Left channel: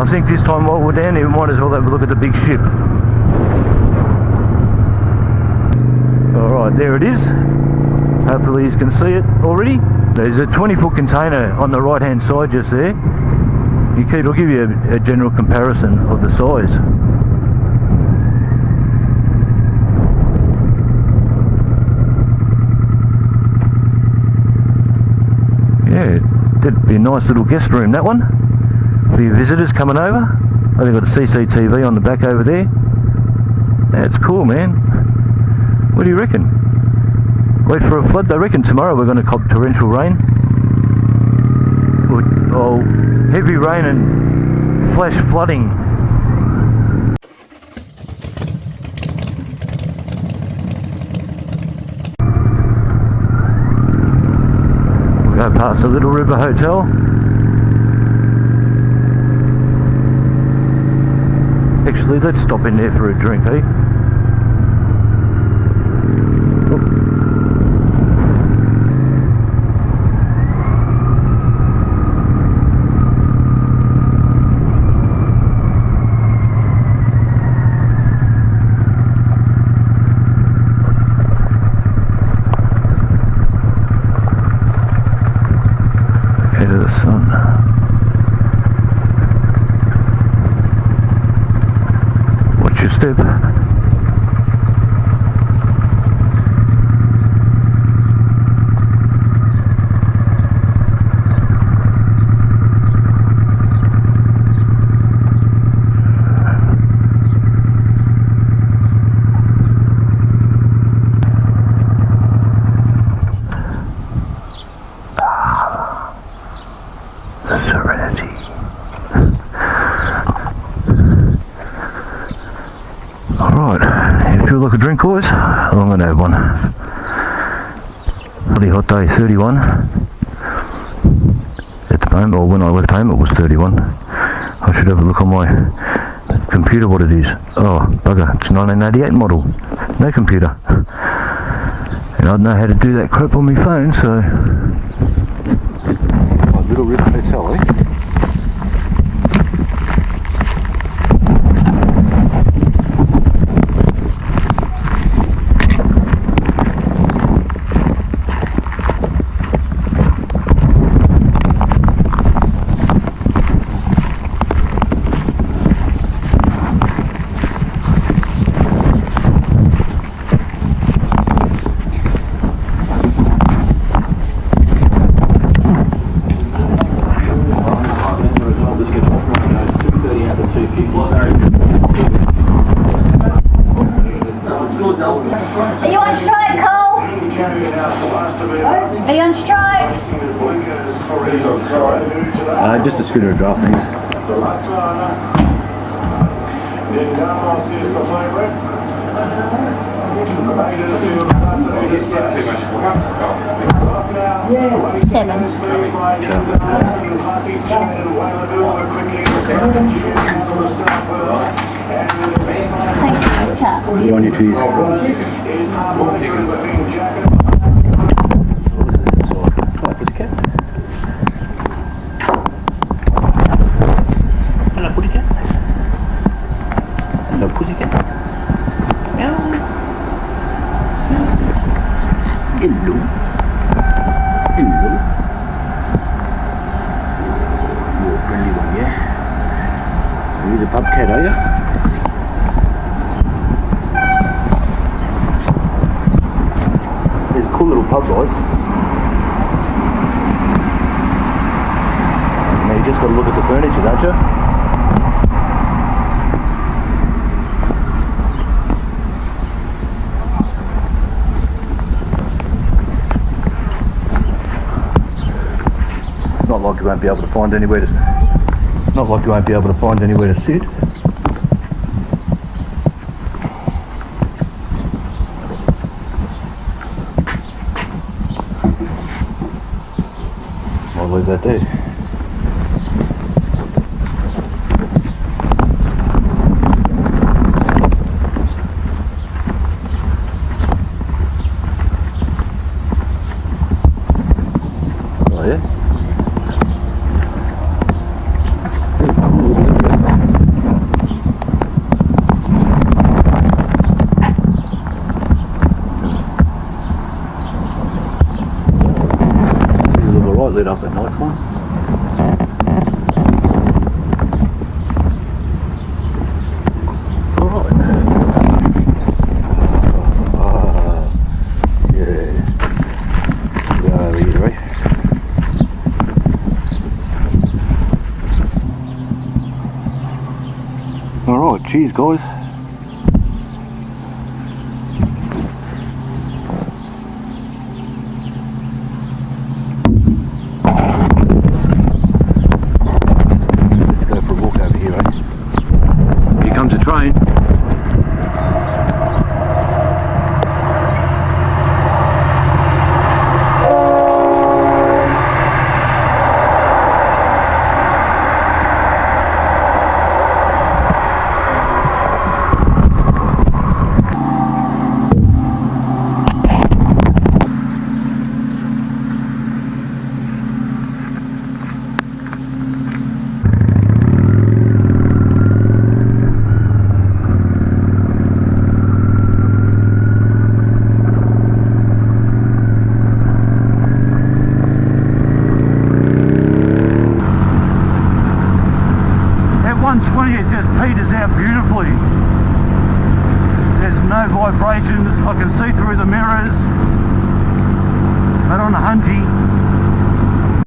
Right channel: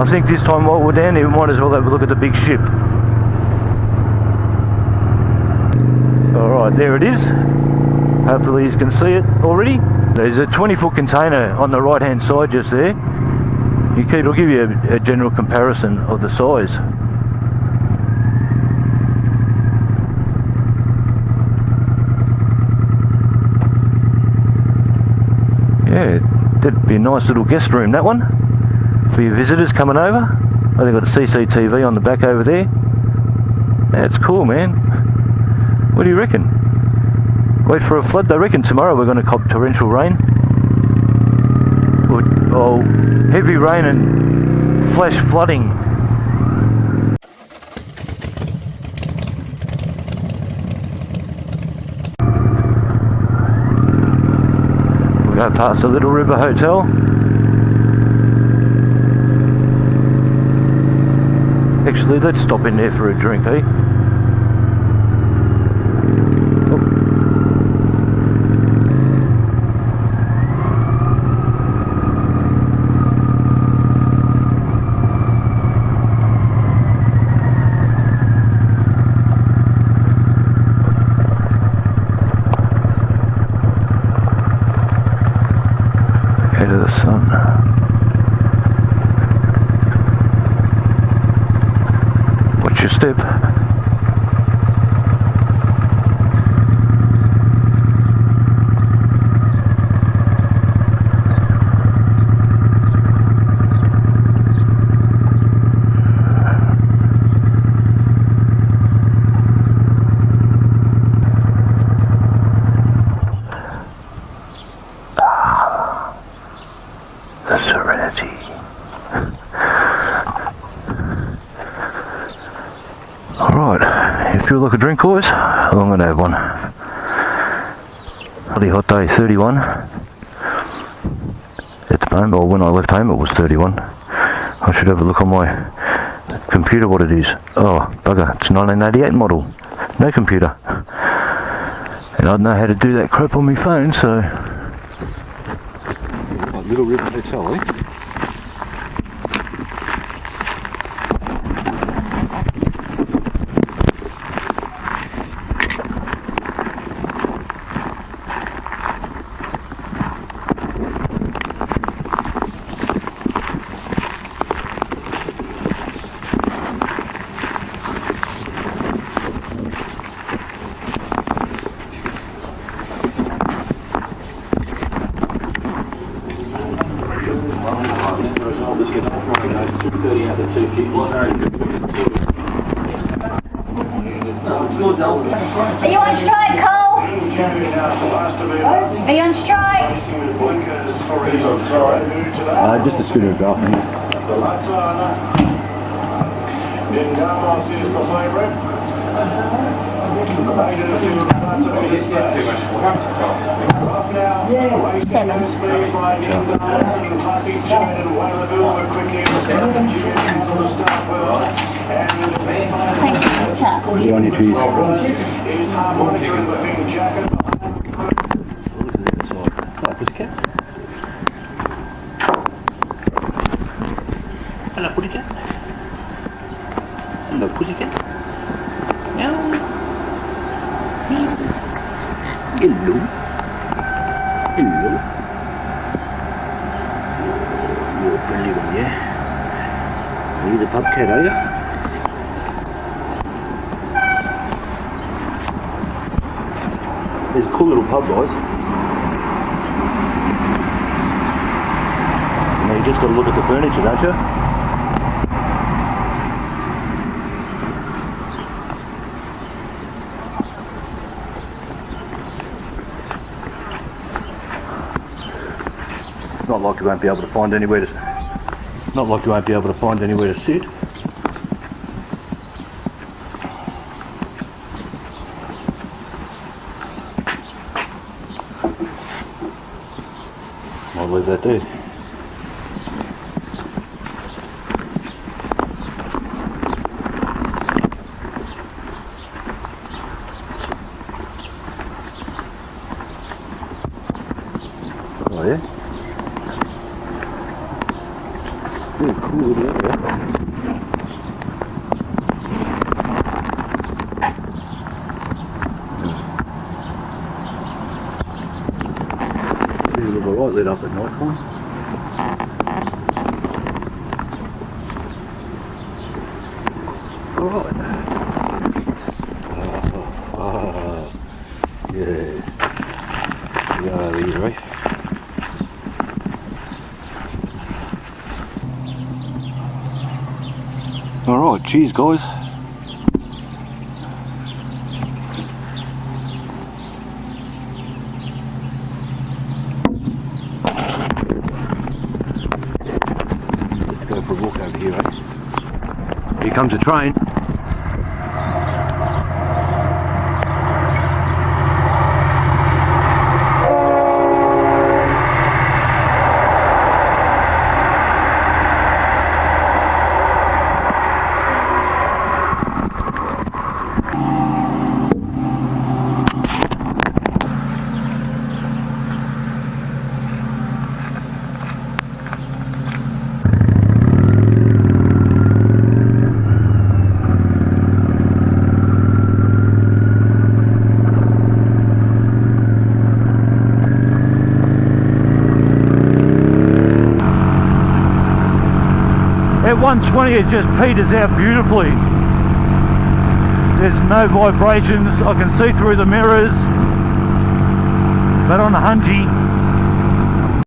I think this time while we're down here we might as well have a look at the big ship. Alright, there it is. Hopefully you can see it already. There's a 20-foot container on the right hand side just there. It'll give you a general comparison of the size. Yeah, that'd be a nice little guest room, that one, for your visitors coming over. Oh, they've got a CCTV on the back over there. That's cool, man. What do you reckon? Wait for a flood? They reckon tomorrow we're going to cop torrential rain. Oh, heavy rain and flash flooding. We'll go past the Little River Hotel. Actually, let's stop in there for a drink, eh? Head of the sun. Watch your step. The Serenity. Alright, if you look a drink, boys, I'm going to have one. Bloody hot day, 31. At the moment, or when I left home it was 31. I should have a look on my computer what it is. Oh, bugger, it's 1988 model. No computer. And I don't know how to do that crap on my phone, so... Little River Hotel, eh? Are you on strike, Cole? Are you on strike? Just a scooter of draft things. Thank you, chap. You're on your trees. Hello, pussycat. Hello, pussycat. Meow. Hello. Hello. You're a friendly one, yeah? Are you the bobcat, are you? There's a cool little pub, guys. Now you just got to look at the furniture, don't you? It's not like you won't be able to find anywhere to. It's not like you won't be able to find anywhere to sit. I'll leave that there. Oh yeah? Ooh, cool little area. Right lit up at night time. Alright. Yeah. Go over here, eh? Alright, cheers guys. For a walk over here, eh? Here comes a train. At 120 it just peters out beautifully. There's no vibrations, I can see through the mirrors, but on a Hungy